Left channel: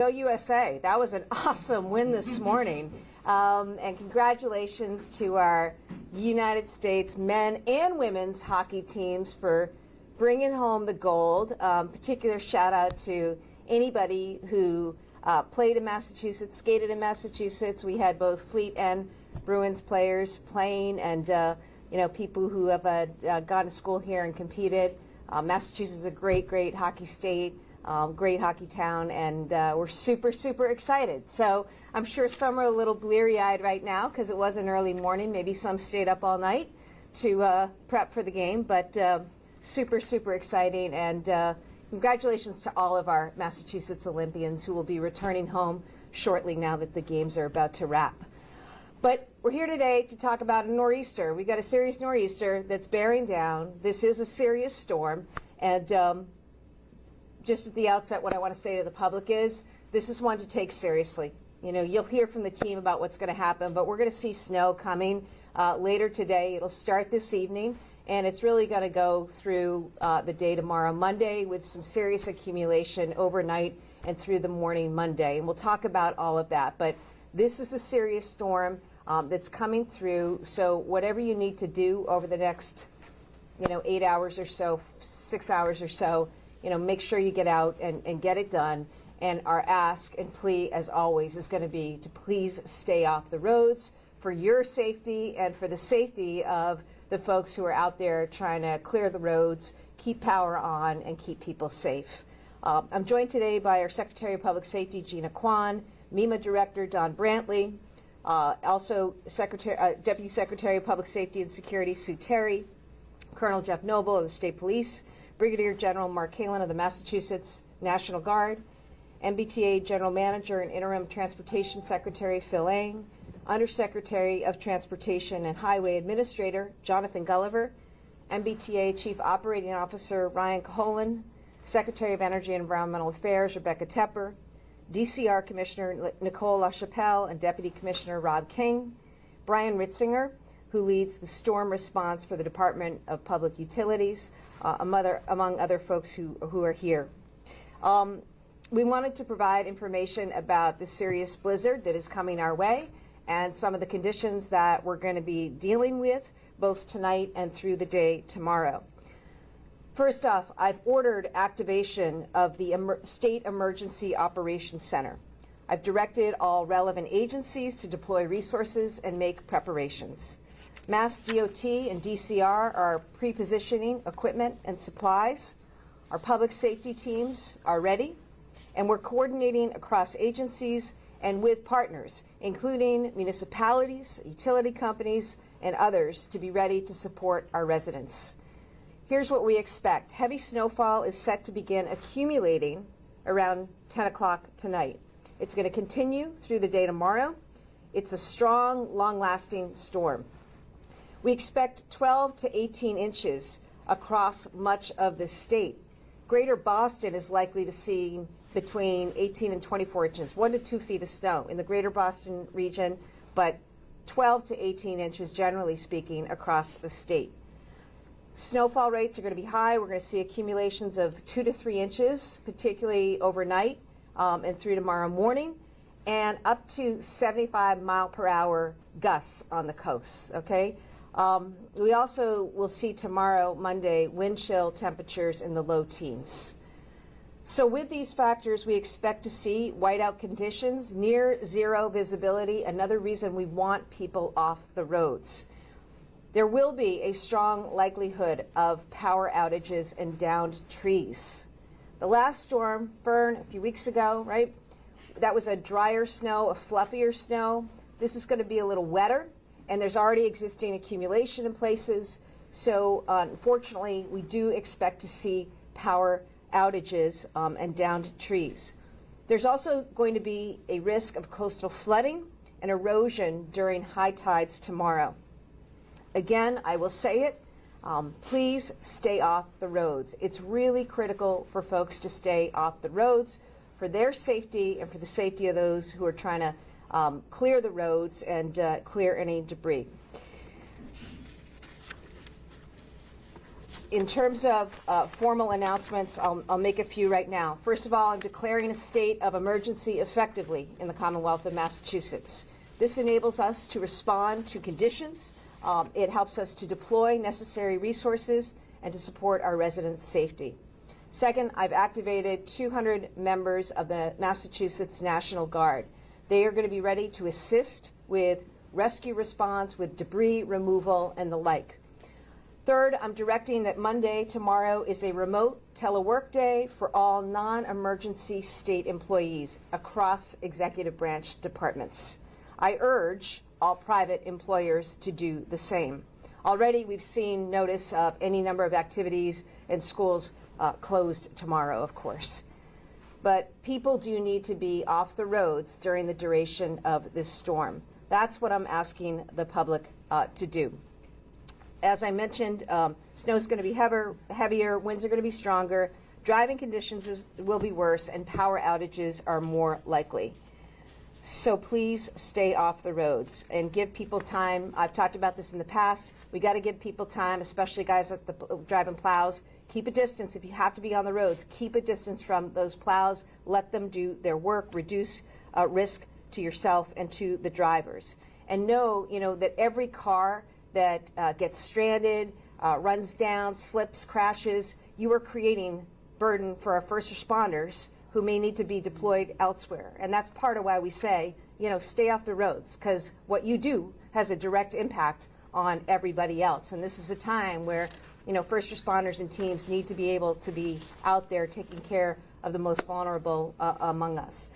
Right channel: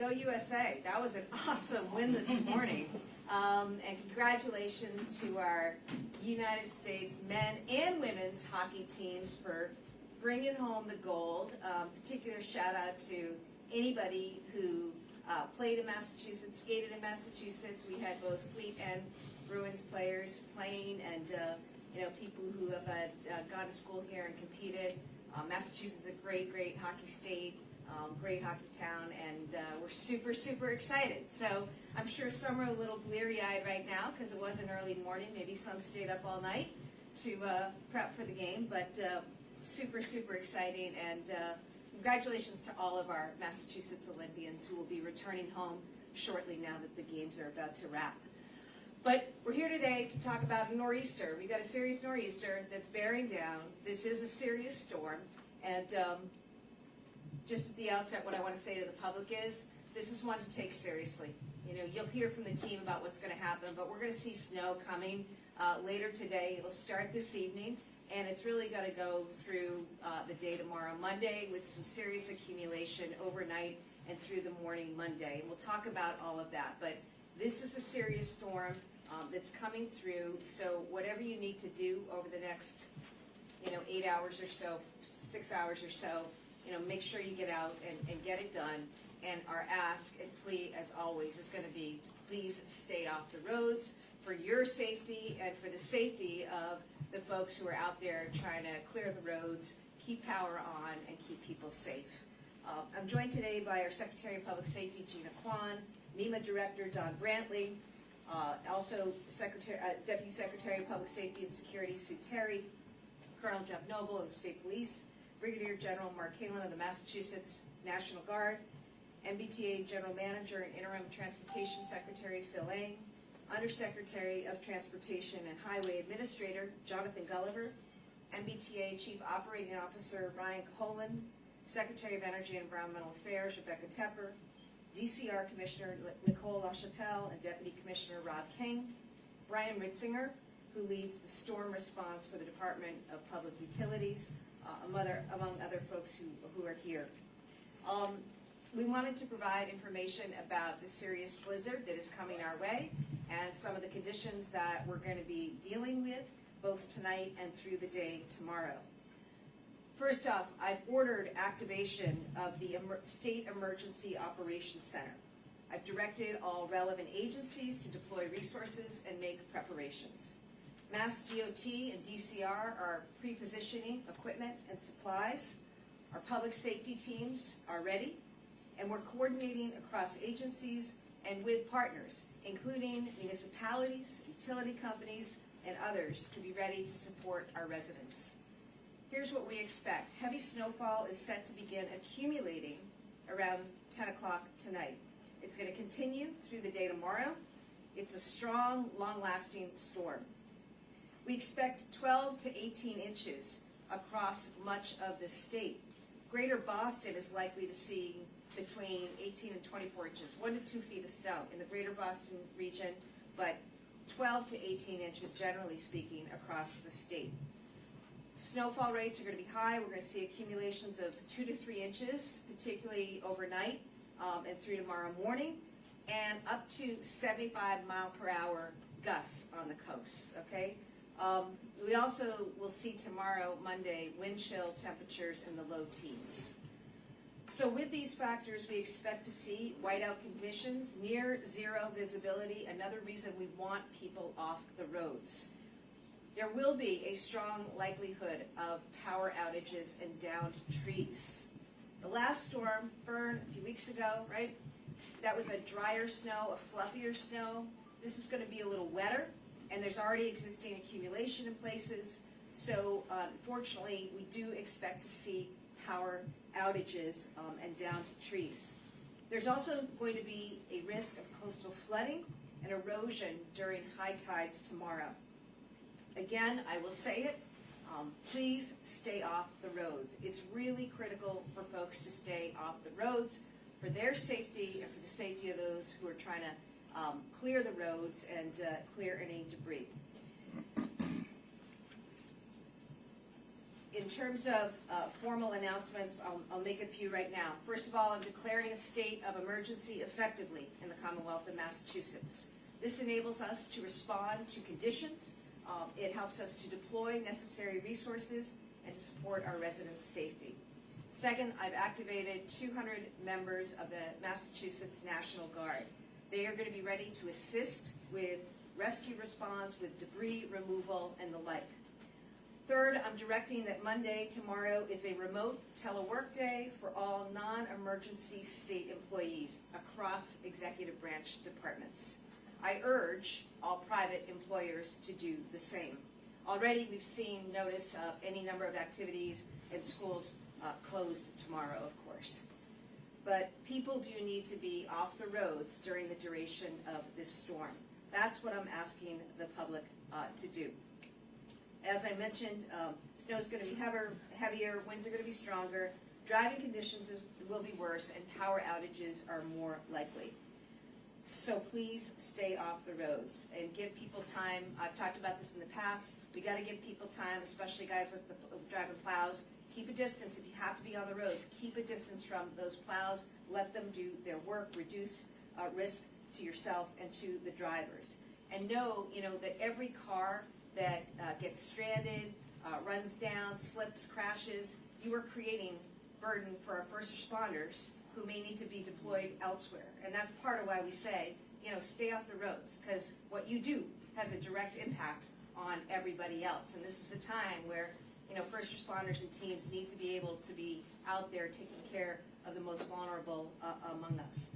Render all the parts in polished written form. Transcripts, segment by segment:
Go USA. That was an awesome win this morning. And congratulations to our United States men and women's hockey teams for bringing home the gold. Particular shout out to anybody who played in Massachusetts, skated in Massachusetts. We had both Fleet and Bruins players playing, and people who have gone to school here and competed. Massachusetts is a great hockey state. Great hockey town, and we're super excited. So I'm sure some are a little bleary-eyed right now because it was an early morning. Maybe some stayed up all night to prep for the game, but super exciting. And congratulations to all of our Massachusetts Olympians who will be returning home shortly now that the games are about to wrap. But we're here today to talk about a nor'easter. We've got a serious nor'easter that's bearing down. This is a serious storm, and just at the outset, what I want to say to the public is this is one to take seriously. You'll hear from the team about what's going to happen, but we're going to see snow coming later today. It'll start this evening, and it's really going to go through the day tomorrow, Monday, with some serious accumulation overnight and through the morning Monday. And we'll talk about all of that. But this is a serious storm that's coming through, so whatever you need to do over the next 8 hours or so, 6 hours or so, make sure you get out and get it done. And our ask and plea, as always, is going to be to please stay off the roads for your safety and for the safety of the folks who are out there trying to clear the roads, keep power on, and keep people safe. I'm joined today by our Secretary of Public Safety, Gina Kwan, MEMA Director, Don Brantley, also Deputy Secretary of Public Safety and Security, Sue Terry, Colonel Jeff Noble of the State Police, Brigadier General Mark Halen of the Massachusetts National Guard, MBTA General Manager and Interim Transportation Secretary Phil Eng, Undersecretary of Transportation and Highway Administrator Jonathan Gulliver, MBTA Chief Operating Officer Ryan Caholen, Secretary of Energy and Environmental Affairs Rebecca Tepper, DCR Commissioner Nicole LaChapelle and Deputy Commissioner Rob King, Brian Ritzinger, who leads the storm response for the Department of Public Utilities, among other folks who are here. We wanted to provide information about the serious blizzard that is coming our way and some of the conditions that we're going to be dealing with both tonight and through the day tomorrow. First off, I've ordered activation of the State Emergency Operations Center. I've directed all relevant agencies to deploy resources and make preparations. Mass DOT and DCR are pre-positioning equipment and supplies. Our public safety teams are ready, and we're coordinating across agencies and with partners, including municipalities, utility companies, and others, to be ready to support our residents. Here's what we expect. Heavy snowfall is set to begin accumulating around 10 o'clock tonight. It's going to continue through the day tomorrow. It's a strong, long-lasting storm. We expect 12 to 18 inches across much of the state. Greater Boston is likely to see between 18 and 24 inches, 1 to 2 feet of snow in the greater Boston region, but 12 to 18 inches, generally speaking, across the state. Snowfall rates are going to be high. We're going to see accumulations of 2 to 3 inches, particularly overnight and through tomorrow morning, and up to 75 mile per hour gusts on the coast, okay? We also will see tomorrow, Monday, wind chill temperatures in the low teens. So with these factors, we expect to see whiteout conditions, near zero visibility, another reason we want people off the roads. There will be a strong likelihood of power outages and downed trees. The last storm, Fern, a few weeks ago, right? That was a drier snow, a fluffier snow. This is going to be a little wetter, and there's already existing accumulation in places. So unfortunately, we do expect to see power outages and downed trees. There's also going to be a risk of coastal flooding and erosion during high tides tomorrow. Again, I will say it, please stay off the roads. It's really critical for folks to stay off the roads for their safety and for the safety of those who are trying to clear the roads and clear any debris. In terms of formal announcements, I'll make a few right now. First of all, I'm declaring a state of emergency effectively in the Commonwealth of Massachusetts. This enables us to respond to conditions. It helps us to deploy necessary resources and to support our residents' safety. Second, I've activated 200 members of the Massachusetts National Guard. They are going to be ready to assist with rescue response, with debris removal, and the like. Third, I'm directing that Monday, tomorrow, is a remote telework day for all non-emergency state employees across executive branch departments. I urge all private employers to do the same. Already we've seen notice of any number of activities and schools closed tomorrow, of course. But people do need to be off the roads during the duration of this storm. That's what I'm asking the public to do. As I mentioned, snow is going to be heavier, winds are going to be stronger, driving conditions will be worse, and power outages are more likely. So please stay off the roads and give people time. I've talked about this in the past. We got to give people time, especially guys like the driving plows. Keep a distance if you have to be on the roads. Keep a distance from those plows. Let them do their work. Reduce risk to yourself and to the drivers. And know, that every car that gets stranded, runs down, slips, crashes, you are creating burden for our first responders who may need to be deployed elsewhere. And that's part of why we say, stay off the roads, because what you do has a direct impact on everybody else. And this is a time where, first responders and teams need to be able to be out there taking care of the most vulnerable among us.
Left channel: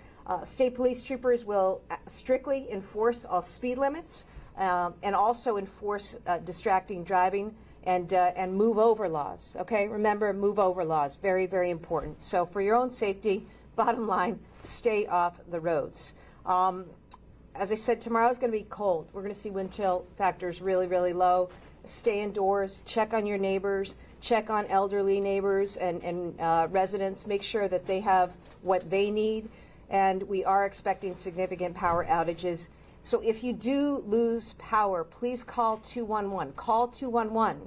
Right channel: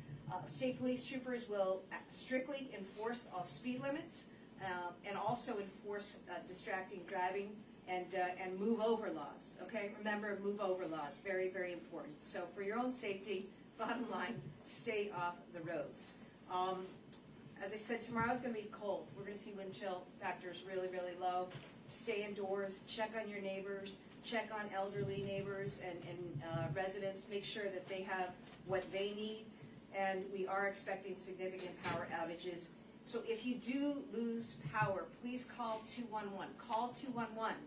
State police troopers will strictly enforce all speed limits and also enforce distracting driving and move over laws. Okay, remember, move over laws, very, very important. So for your own safety, bottom line, stay off the roads. As I said, tomorrow is going to be cold. We're going to see wind chill factors really, really low. Stay indoors, check on your neighbors, check on elderly neighbors and residents, make sure that they have what they need. And we are expecting significant power outages. So if you do lose power, please call 211. Call 211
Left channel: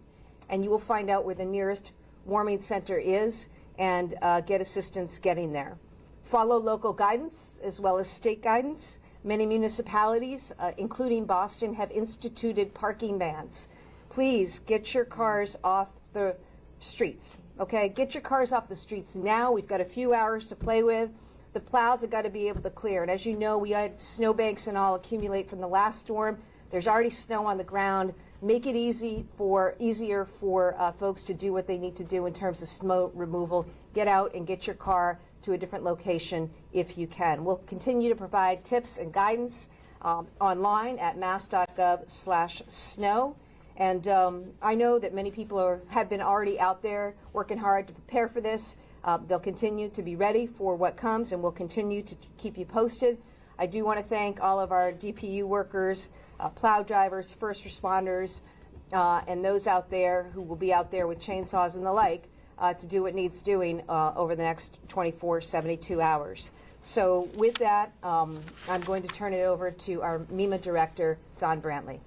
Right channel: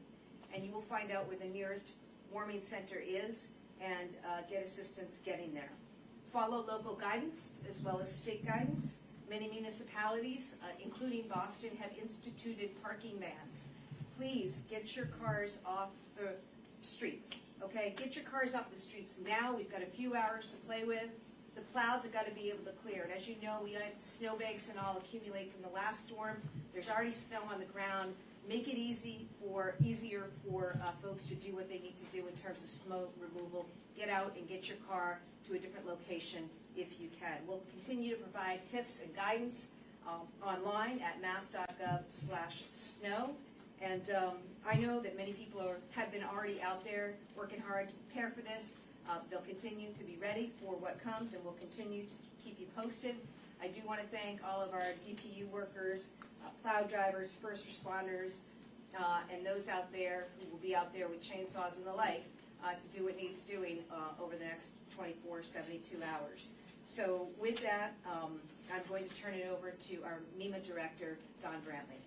and you will find out where the nearest warming center is and get assistance getting there. Follow local guidance as well as state guidance. Many municipalities, including Boston, have instituted parking bans. Please get your cars off the streets, okay? Get your cars off the streets now. We've got a few hours to play with. The plows have got to be able to clear. And as you know, we had snowbanks and all accumulate from the last storm. There's already snow on the ground. Make it easier for folks to do what they need to do in terms of snow removal. Get out and get your car to a different location if you can. We'll continue to provide tips and guidance online at mass.gov/snow. And I know that many people have been already out there working hard to prepare for this. They'll continue to be ready for what comes, and we'll continue to keep you posted. I do want to thank all of our DPU workers, plow drivers, first responders, and those out there who will be out there with chainsaws and the like to do what needs doing over the next 24, 72 hours. So with that, I'm going to turn it over to our MEMA Director, Don Brantley.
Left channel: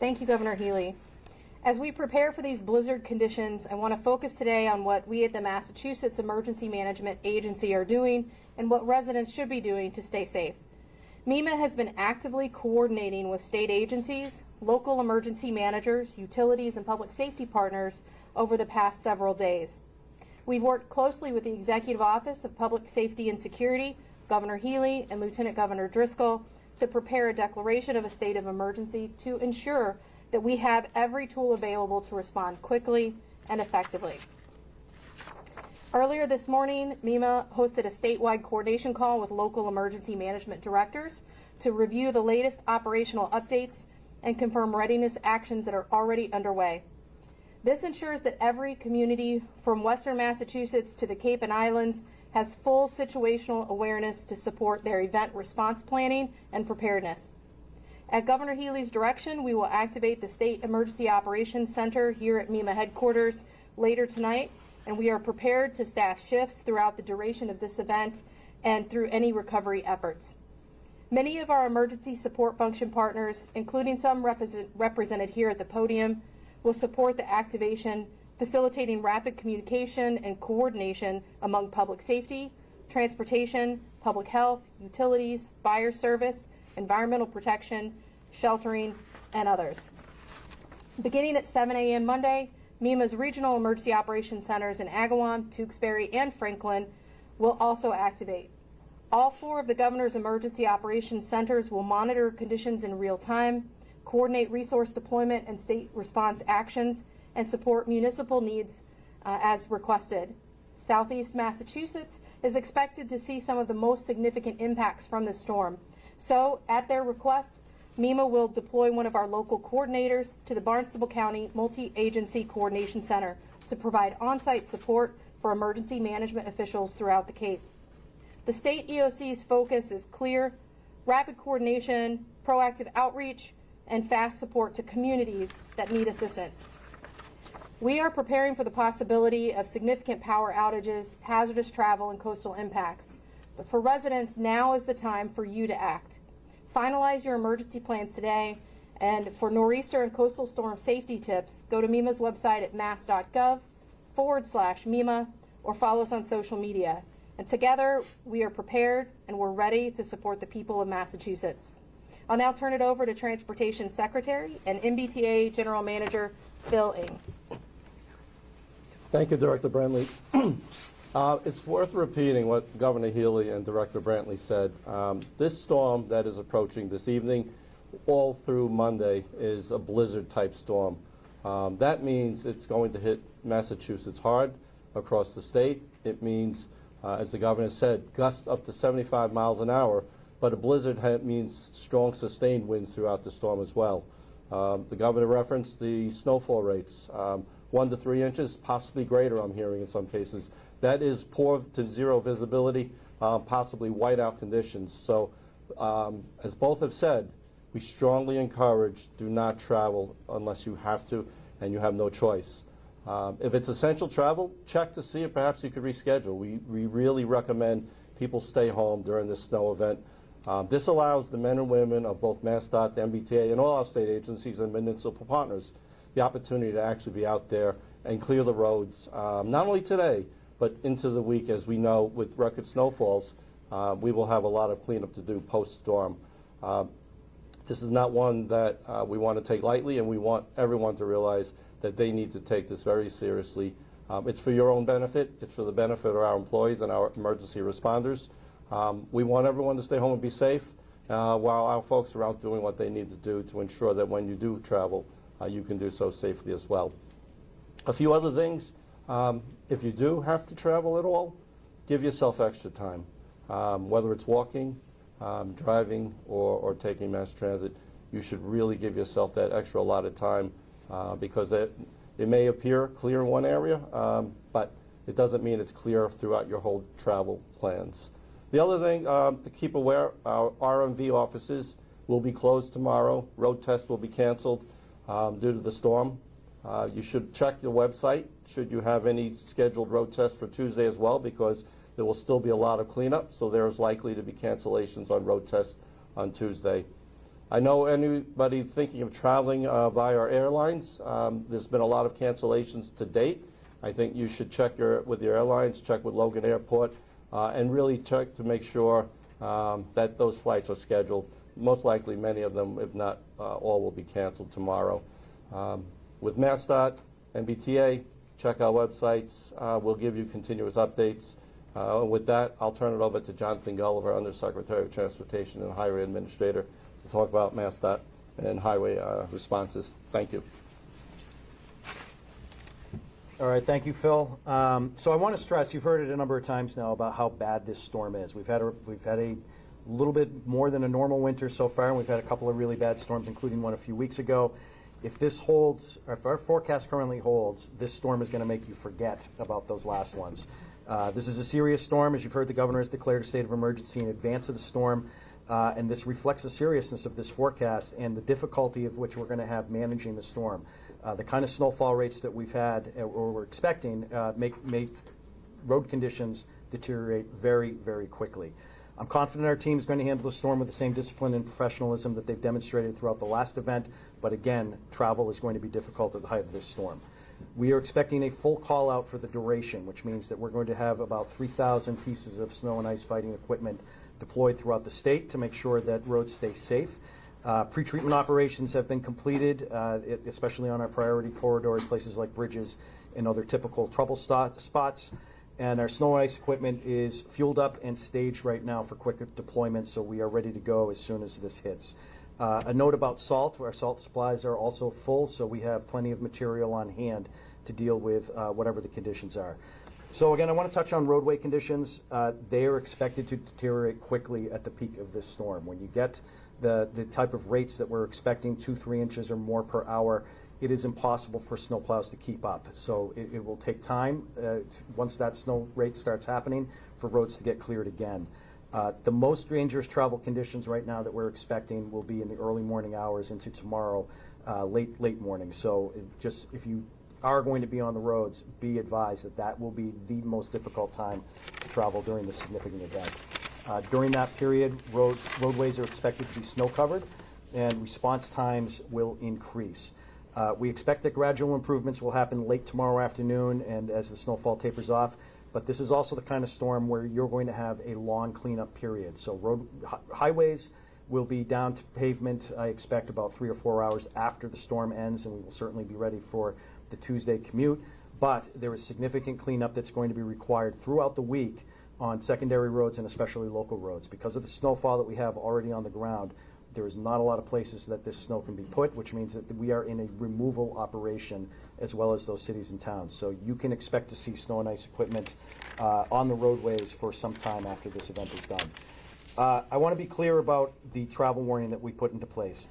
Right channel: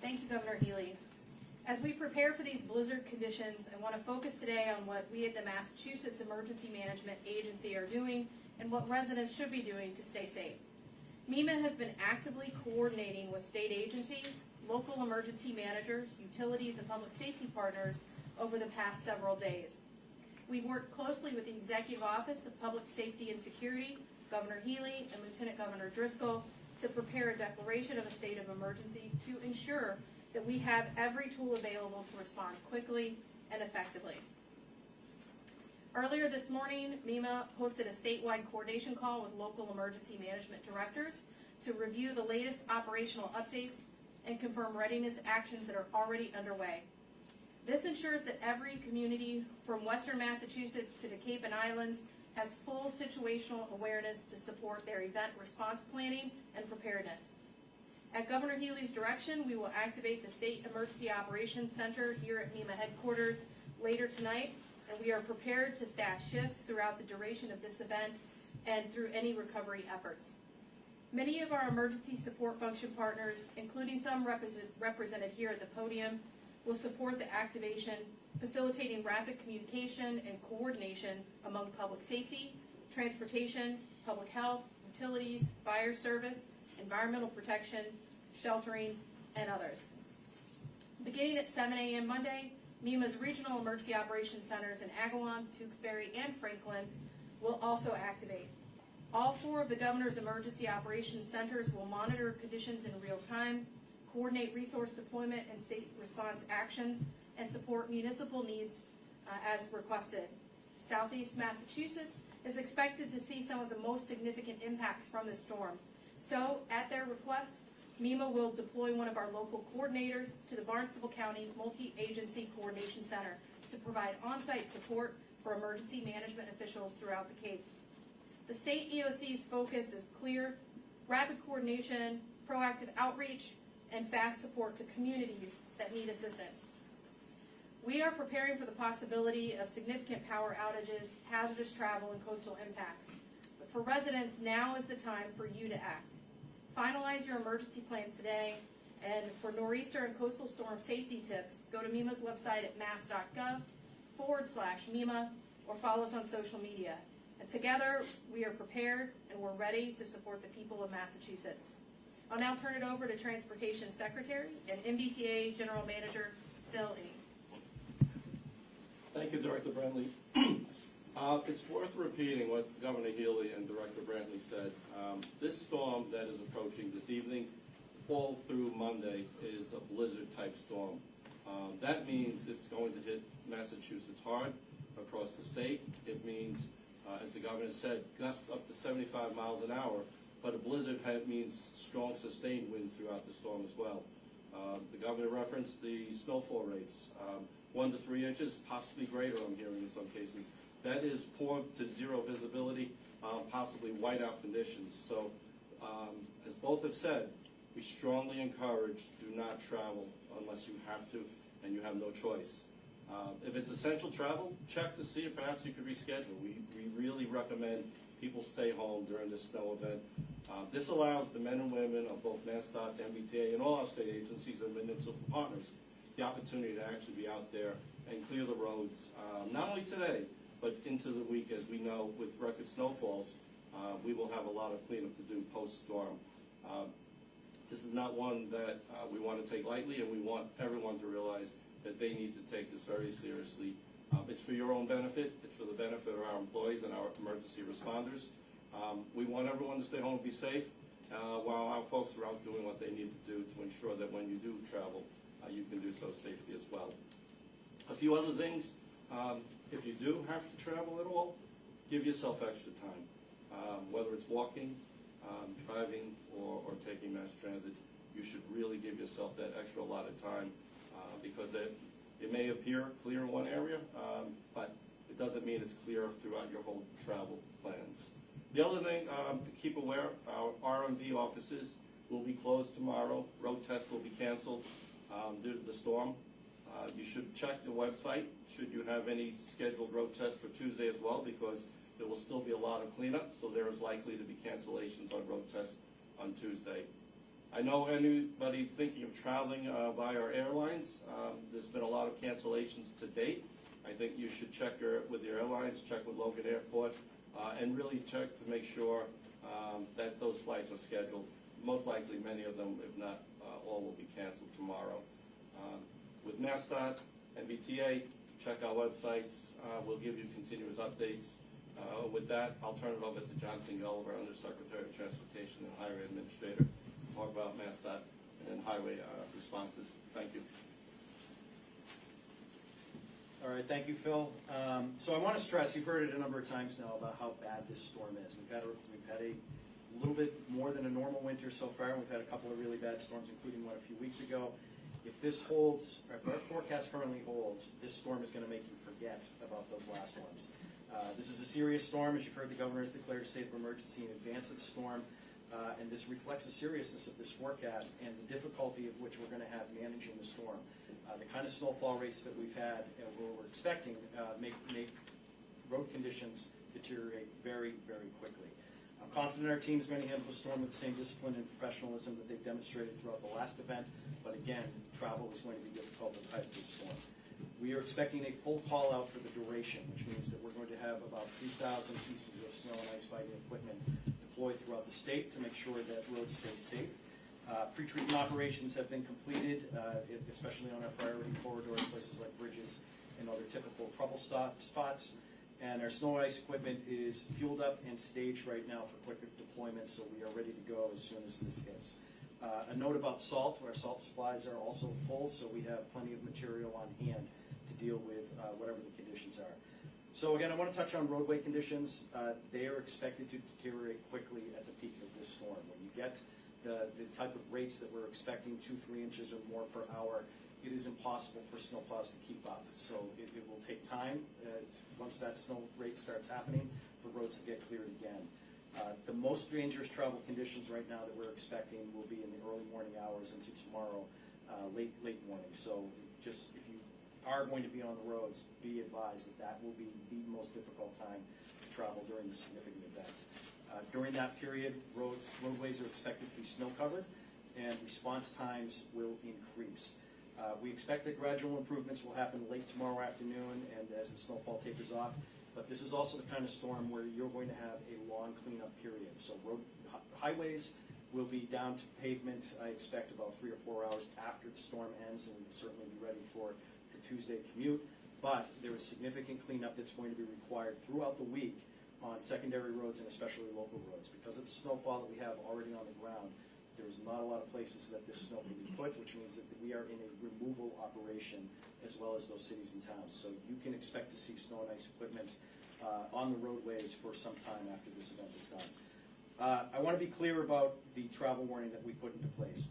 Thank you, Governor Healey. As we prepare for these blizzard conditions, I want to focus today on what we at the Massachusetts Emergency Management Agency are doing and what residents should be doing to stay safe. MEMA has been actively coordinating with state agencies, local emergency managers, utilities, and public safety partners over the past several days. We've worked closely with the Executive Office of Public Safety and Security, Governor Healey, and Lieutenant Governor Driscoll to prepare a declaration of a state of emergency to ensure that we have every tool available to respond quickly and effectively. Earlier this morning, MEMA hosted a statewide coordination call with local emergency management directors to review the latest operational updates and confirm readiness actions that are already underway. This ensures that every community from Western Massachusetts to the Cape and Islands has full situational awareness to support their event response planning and preparedness. At Governor Healey's direction, we will activate the State Emergency Operations Center here at MEMA headquarters later tonight, and we are prepared to staff shifts throughout the duration of this event and through any recovery efforts. Many of our emergency support function partners, including some represented here at the podium, will support the activation, facilitating rapid communication and coordination among public safety, transportation, public health, utilities, fire service, environmental protection, sheltering, and others. Beginning at 7 a.m. Monday, MEMA's regional emergency operations centers in Agawam, Tewksbury, and Franklin will also activate. All 4 of the governor's emergency operations centers will monitor conditions in real time, coordinate resource deployment and state response actions, and support municipal needs as requested. Southeast Massachusetts is expected to see some of the most significant impacts from this storm. So, at their request, MEMA will deploy one of our local coordinators to the Barnstable County Multi-Agency Coordination Center to provide on-site support for emergency management officials throughout the Cape. The state EOC's focus is clear: rapid coordination, proactive outreach, and fast support to communities that need assistance. We are preparing for the possibility of significant power outages, hazardous travel, and coastal impacts. But for residents, now is the time for you to act. Finalize your emergency plans today, and for nor'easter and coastal storm safety tips, go to MEMA's website at mass.gov/MEMA or follow us on social media. And together, we are prepared and we're ready to support the people of Massachusetts. I'll now turn it over to Transportation Secretary and MBTA General Manager Phil Ng. Thank you, Director Brantley. It's worth repeating what Governor Healey and Director Brantley said. This storm that is approaching this evening, all through Monday, is a blizzard-type storm. That means it's going to hit Massachusetts hard across the state. It means, as the governor said, gusts up to 75 miles an hour, but a blizzard means strong sustained winds throughout the storm as well. The governor referenced the snowfall rates, 1 to 3 inches, possibly greater, I'm hearing in some cases. That is poor to zero visibility, possibly whiteout conditions. So, as both have said, we strongly encourage do not travel unless you have to and you have no choice. If it's essential travel, check to see if perhaps you could reschedule. We really recommend people stay home during this snow event. This allows the men and women of both MassDOT, the MBTA, and all our state agencies and municipal partners the opportunity to actually be out there and clear the roads, not only today, but into the week. As we know, with record snowfalls, we will have a lot of cleanup to do post-storm. This is not one that we want to take lightly, and we want everyone to realize that they need to take this very seriously. It's for your own benefit. It's for the benefit of our employees and our emergency responders. We want everyone to stay home and be safe while our folks are out doing what they need to do to ensure that when you do travel, you can do so safely as well. A few other things. If you do have to travel at all, give yourself extra time. Whether it's walking, driving, or taking mass transit, you should really give yourself that extra allotted time because it may appear clear in one area, but it doesn't mean it's clear throughout your whole travel plans. The other thing to keep aware, our RMV offices will be closed tomorrow. Road tests will be canceled due to the storm. You should check your website should you have any scheduled road tests for Tuesday as well, because there will still be a lot of cleanup, so there's likely to be cancellations on road tests on Tuesday. I know anybody thinking of traveling via our airlines, there's been a lot of cancellations to date. I think you should check with your airlines, check with Logan Airport, and really check to make sure that those flights are scheduled. Most likely many of them, if not all, will be canceled tomorrow. With MassDOT, MBTA, check our websites. We'll give you continuous updates. With that, I'll turn it over to Jonathan Gulliver, Undersecretary of Transportation and Highway Administrator, to talk about MassDOT and highway responses. Thank you. All right, thank you, Phil. So I want to stress, you've heard it a number of times now about how bad this storm is. We've had a little bit more than a normal winter so far, and we've had a couple of really bad storms, including one a few weeks ago. If this holds, or if our forecast currently holds, this storm is going to make you forget about those last ones. This is a serious storm. As you've heard, the governor has declared a state of emergency in advance of the storm, and this reflects the seriousness of this forecast and the difficulty of which we're going to have managing the storm. The kind of snowfall rates that we've had, or we're expecting, make road conditions deteriorate very, very quickly. I'm confident our team is going to handle the storm with the same discipline and professionalism that they've demonstrated throughout the last event, but again, travel is going to be difficult at the height of this storm. We are expecting a full call out for the duration, which means that we're going to have about 3,000 pieces of snow and ice fighting equipment deployed throughout the state to make sure that roads stay safe. Pre-treatment operations have been completed, especially on our priority corridors, places like bridges and other typical trouble spots. And our snow and ice equipment is fueled up and staged right now for quick deployment, so we are ready to go as soon as this hits. A note about salt: our salt supplies are also full, so we have plenty of material on hand to deal with whatever the conditions are. So again, I want to touch on roadway conditions. They are expected to deteriorate quickly at the peak of this storm. When you get the type of rates that we're expecting, 2-3 inches or more per hour, it is impossible for snowplows to keep up. So it will take time, once that snow rate starts happening, for roads to get cleared again. The most dangerous travel conditions right now that we're expecting will be in the early morning hours into tomorrow, late morning. So if you are going to be on the roads, be advised that that will be the most difficult time to travel during this significant event. During that period, roadways are expected to be snow covered, and response times will increase. We expect that gradual improvements will happen late tomorrow afternoon and as the snowfall tapers off, but this is also the kind of storm where you're going to have a long cleanup period. So highways will be down to pavement, I expect, about 3 or 4 hours after the storm ends, and we will certainly be ready for the Tuesday commute. But there is significant cleanup that's going to be required throughout the week on secondary roads and especially local roads. Because of the snowfall that we have already on the ground, there is not a lot of places that this snow can be put, which means that we are in a removal operation as well as those cities and towns. So you can expect to see snow and ice equipment on the roadways for some time after this event is done. I want to be clear about the travel warning that we put into place.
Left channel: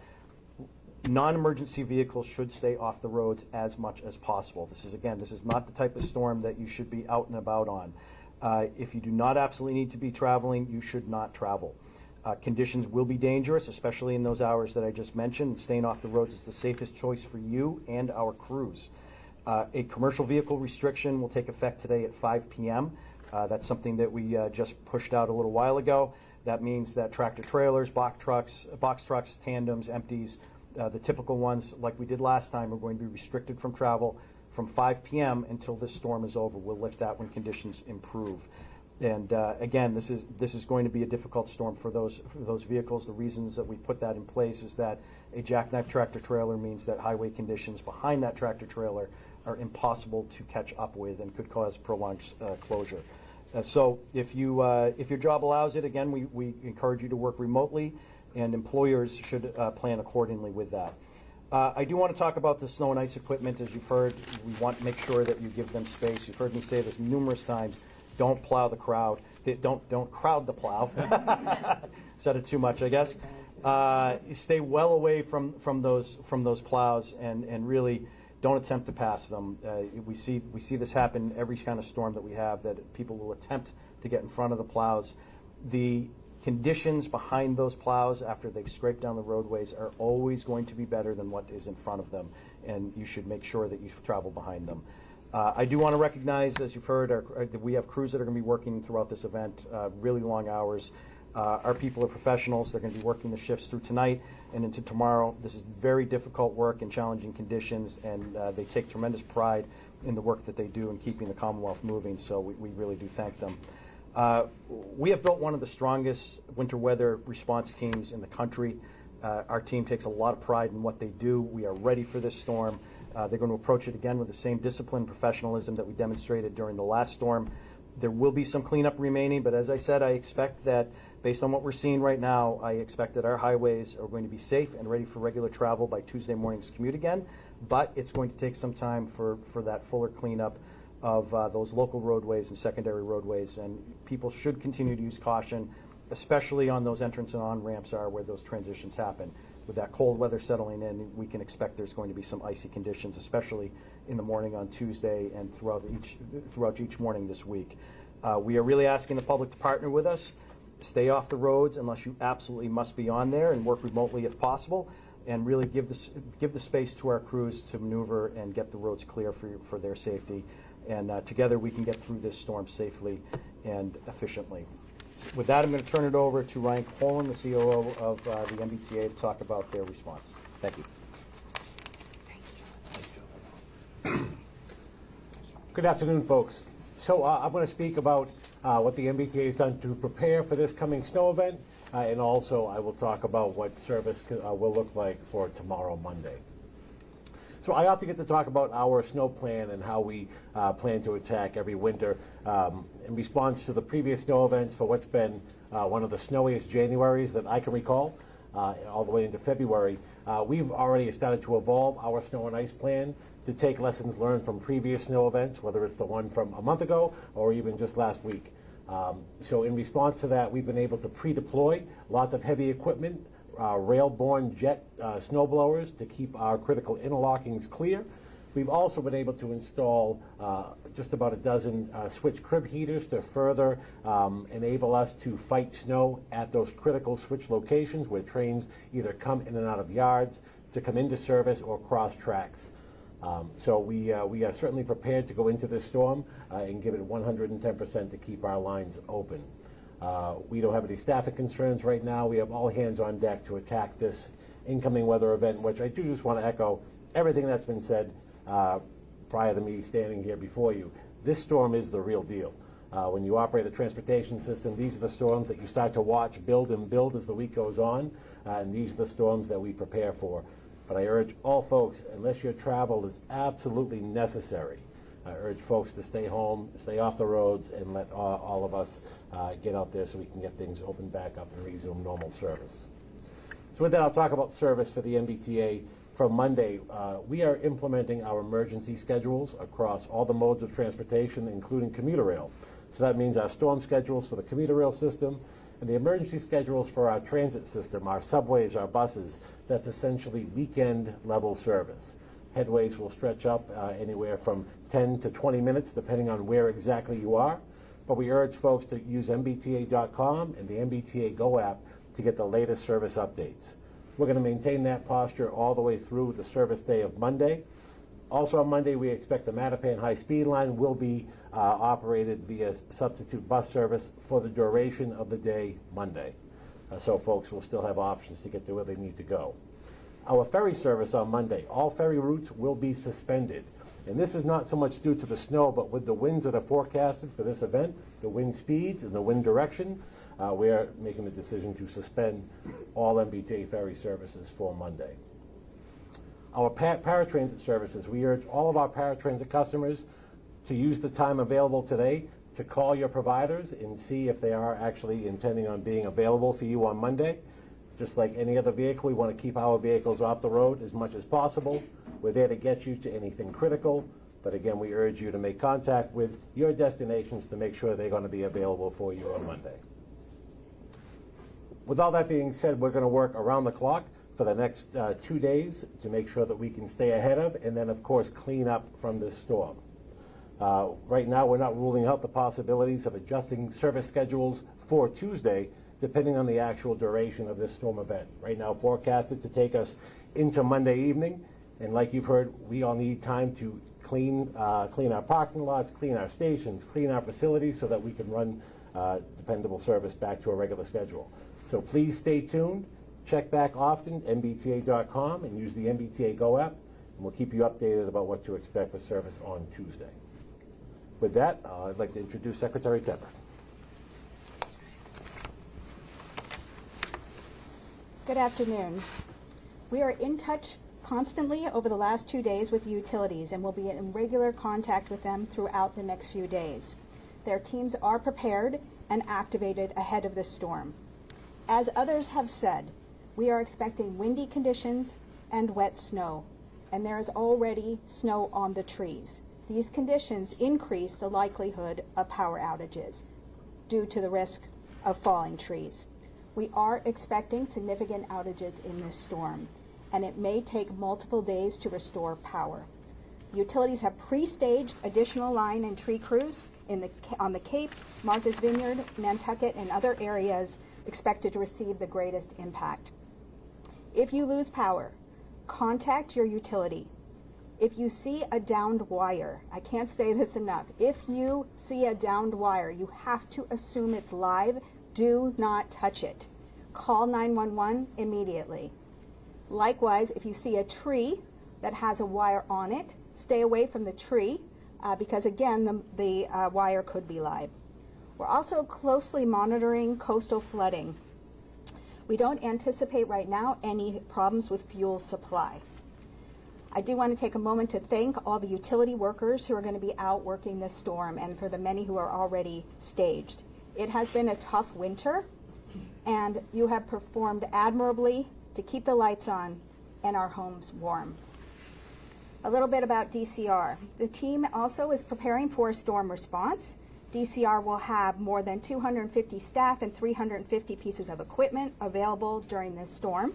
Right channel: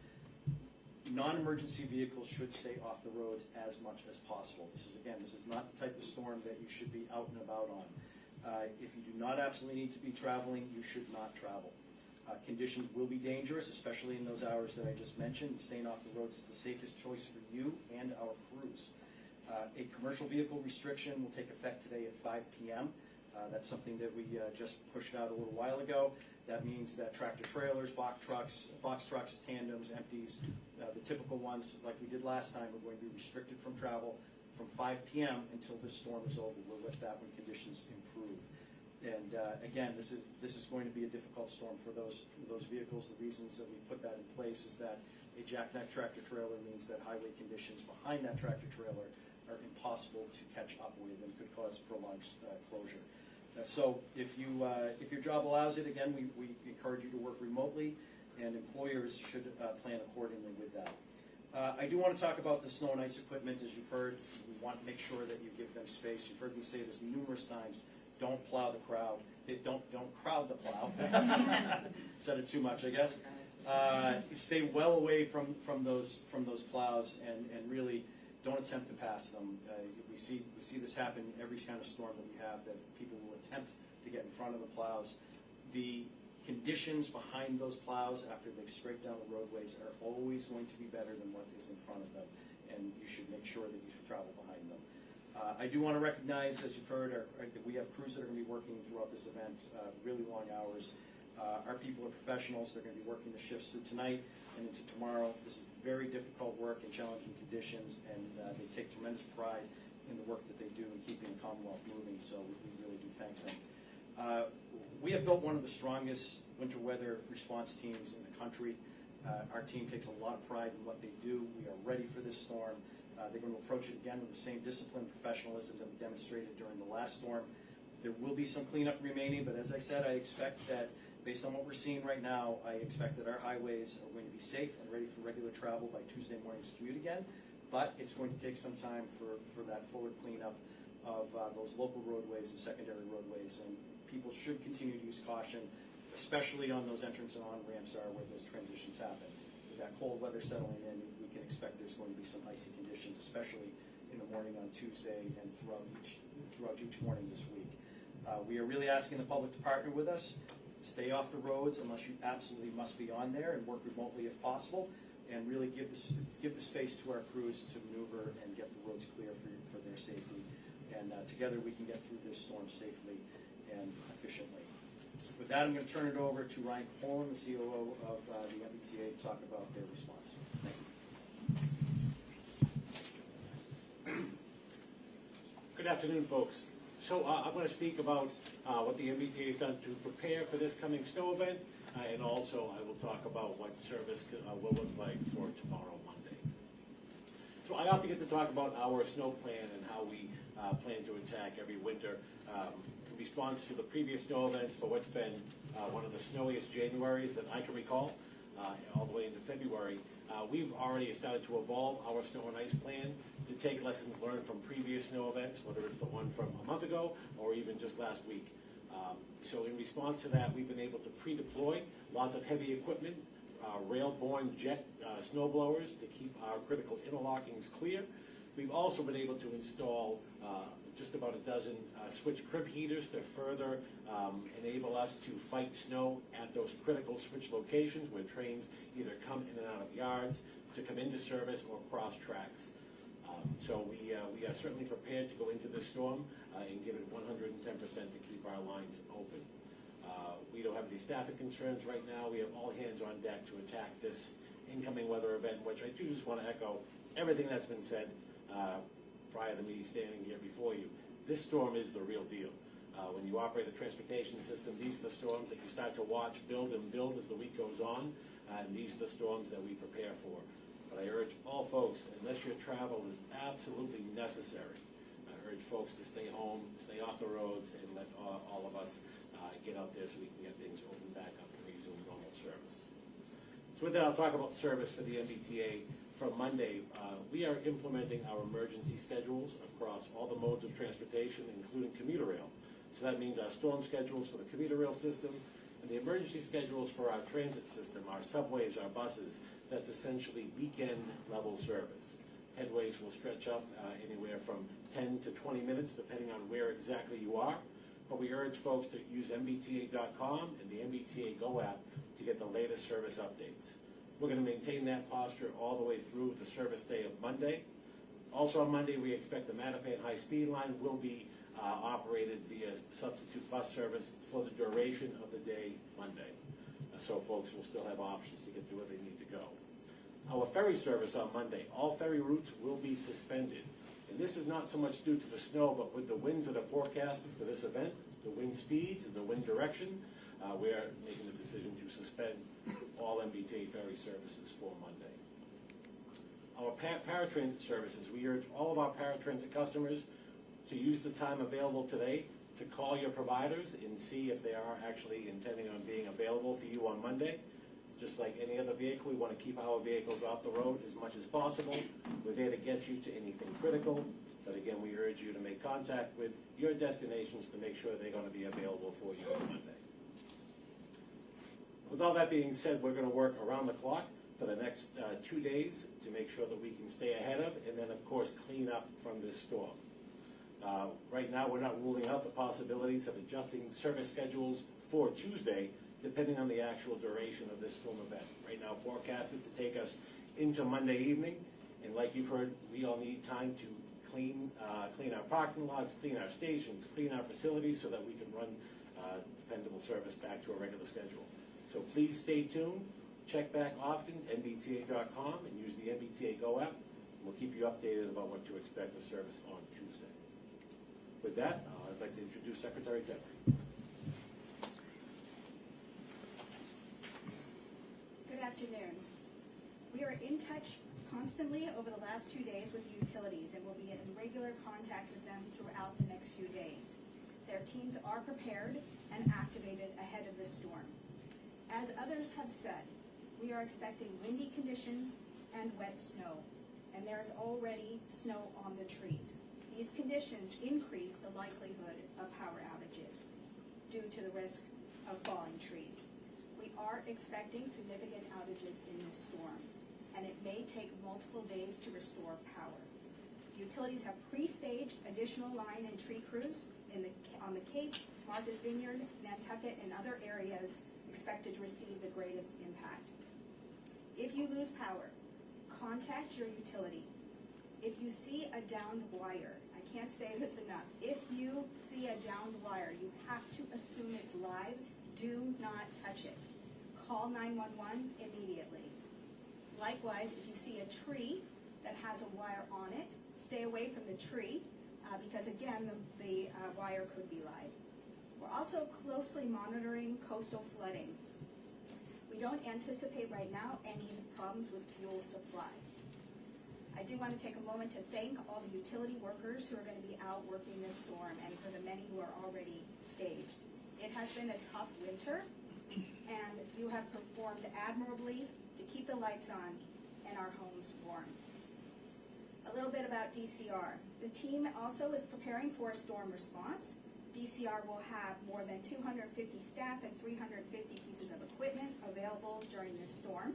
Non-emergency vehicles should stay off the roads as much as possible. This is not the type of storm that you should be out and about on. If you do not absolutely need to be traveling, you should not travel. Conditions will be dangerous, especially in those hours that I just mentioned, and staying off the roads is the safest choice for you and our crews. A commercial vehicle restriction will take effect today at 5 p.m. That's something that we just pushed out a little while ago. That means that tractor trailers, box trucks, tandems, empties, the typical ones like we did last time, are going to be restricted from travel from 5 p.m. until this storm is over. We'll lift that when conditions improve. And again, this is going to be a difficult storm for those vehicles. The reasons that we put that in place is that a jackknife tractor trailer means that highway conditions behind that tractor trailer are impossible to catch up with and could cause prolonged closure. So if your job allows it, again, we encourage you to work remotely, and employers should plan accordingly with that. I do want to talk about the snow and ice equipment. As you've heard, we want to make sure that you give them space. You've heard me say this numerous times. Don't plow the crowd. Don't crowd the plow. Said it too much, I guess. Stay well away from those plows, and really don't attempt to pass them. We see this happen every kind of storm that we have, that people will attempt to get in front of the plows. The conditions behind those plows after they've scraped down the roadways are always going to be better than what is in front of them, and you should make sure that you travel behind them. I do want to recognize, as you've heard, that we have crews that are going to be working throughout this event, really long hours. Our people are professionals. They're going to be working the shifts through tonight and into tomorrow. This is very difficult work in challenging conditions, and they take tremendous pride in the work that they do in keeping the Commonwealth moving, so we really do thank them. We have built one of the strongest winter weather response teams in the country. Our team takes a lot of pride in what they do. We are ready for this storm. They're going to approach it again with the same discipline and professionalism that we demonstrated during the last storm. There will be some cleanup remaining, but as I said, I expect that based on what we're seeing right now, I expect that our highways are going to be safe and ready for regular travel by Tuesday morning's commute again, but it's going to take some time for that fuller cleanup of those local roadways and secondary roadways, and people should continue to use caution, especially on those entrance and on-ramps where those transitions happen. With that cold weather settling in, we can expect there's going to be some icy conditions, especially in the morning on Tuesday and throughout each morning this week. We are really asking the public to partner with us. Stay off the roads unless you absolutely must be on there, and work remotely if possible, and really give the space to our crews to maneuver and get the roads clear for their safety. And together we can get through this storm safely and efficiently. With that, I'm going to turn it over to Ryan Colin, the COO of the MBTA, to talk about their response. Thank you. Good afternoon, folks. So I'm going to speak about what the MBTA has done to prepare for this coming snow event, and also I will talk about what service will look like for tomorrow, Monday. So I often get to talk about our snow plan and how we plan to attack every winter in response to the previous snow events for what's been one of the snowiest Januaries that I can recall, all the way into February. We've already started to evolve our snow and ice plan to take lessons learned from previous snow events, whether it's the one from a month ago or even just last week. So in response to that, we've been able to pre-deploy lots of heavy equipment, rail-borne jet snow blowers to keep our critical interlockings clear. We've also been able to install just about a dozen switch crib heaters to further enable us to fight snow at those critical switch locations where trains either come in and out of yards, to come into service, or cross tracks. So we are certainly prepared to go into this storm and give it 110% to keep our lines open. We don't have any staffing concerns right now. We have all hands on deck to attack this incoming weather event, which I do just want to echo everything that's been said prior to me standing here before you. This storm is the real deal. When you operate a transportation system, these are the storms that you start to watch build and build as the week goes on, and these are the storms that we prepare for. But I urge all folks, unless your travel is absolutely necessary, I urge folks to stay home, stay off the roads, and let all of us get out there so we can get things opened back up and resume normal service. So with that, I'll talk about service for the MBTA. For Monday, we are implementing our emergency schedules across all the modes of transportation, including commuter rail. So that means our storm schedules for the commuter rail system and the emergency schedules for our transit system, our subways, our buses. That's essentially weekend level service. Headways will stretch up anywhere from 10 to 20 minutes, depending on where exactly you are. But we urge folks to use mbta.com and the MBTA Go app to get the latest service updates. We're going to maintain that posture all the way through the service day of Monday. Also on Monday, we expect the Mattapan high-speed line will be operated via substitute bus service for the duration of the day Monday. So folks will still have options to get to where they need to go. Our ferry service on Monday, all ferry routes will be suspended. And this is not so much due to the snow, but with the winds that are forecasted for this event, the wind speeds and the wind direction, we're making the decision to suspend all MBTA ferry services for Monday. Our paratransit services, we urge all of our paratransit customers to use the time available today to call your providers and see if they are actually intending on being available for you on Monday. Just like any other vehicle, we want to keep our vehicles off the road as much as possible. We're there to get you to anything critical, but again, we urge you to make contact with your destinations to make sure they're going to be available for you on Monday. With all that being said, we're going to work around the clock for the next 2 days to make sure that we can stay ahead of and then, of course, clean up from this storm. Right now, we're not ruling out the possibilities of adjusting service schedules for Tuesday, depending on the actual duration of this storm event. Right now, forecasted to take us into Monday evening, and like you've heard, we all need time to clean our parking lots, clean our stations, clean our facilities so that we can run dependable service back to a regular schedule. So please stay tuned, check back often, mbta.com, and use the MBTA Go app, and we'll keep you updated about what to expect for service on Tuesday. With that, I'd like to introduce Secretary Tepper. Good afternoon. We are in touch constantly over the last 2 days with utilities and will be in regular contact with them throughout the next few days. Their teams are prepared and activated ahead of this storm. As others have said, we are expecting windy conditions and wet snow, and there is already snow on the trees. These conditions increase the likelihood of power outages due to the risk of falling trees. We are expecting significant outages in this storm, and it may take multiple days to restore power. Utilities have pre-staged additional line and tree crews on the Cape, Martha's Vineyard, Nantucket, and other areas expected to receive the greatest impact. If you lose power, contact your utility. If you see a downed wire, I can't say this enough, if you see a downed wire, you have to assume it's live do not touch it. Call 911 immediately. Likewise, if you see a tree that has a wire on it, stay away from the tree because again, the wire could be live. We're also closely monitoring coastal flooding. We don't anticipate right now any problems with fuel supply. I do want to take a moment to thank all the utility workers who are going to be out working this storm and for the many who are already staged. It has been a tough winter and you have performed admirably to keep the lights on and our homes warm. A little bit about DCR. The team also is preparing for a storm response. DCR will have more than 250 staff and 350 pieces of equipment available during this storm.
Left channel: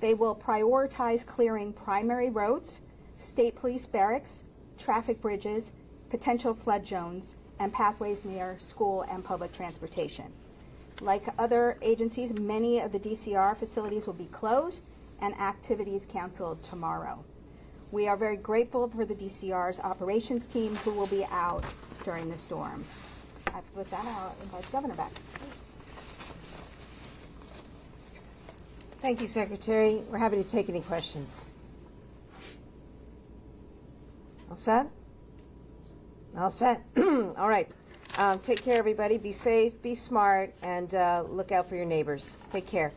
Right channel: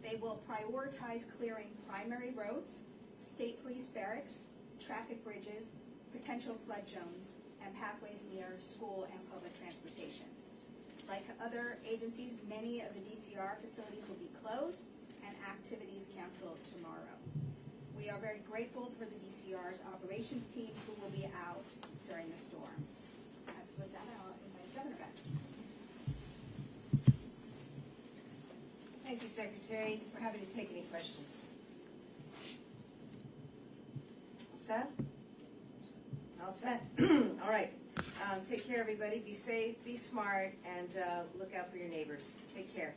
They will prioritize clearing primary roads, state police barracks, traffic bridges, potential flood zones, and pathways near school and public transportation. Like other agencies, many of the DCR facilities will be closed and activities canceled tomorrow. We are very grateful for the DCR's operations team who will be out during the storm. With that, I'll invite the Governor back. Thank you, Secretary. We're happy to take any questions. All set? All set. All right. Take care, everybody. Be safe, be smart, and look out for your neighbors. Take care.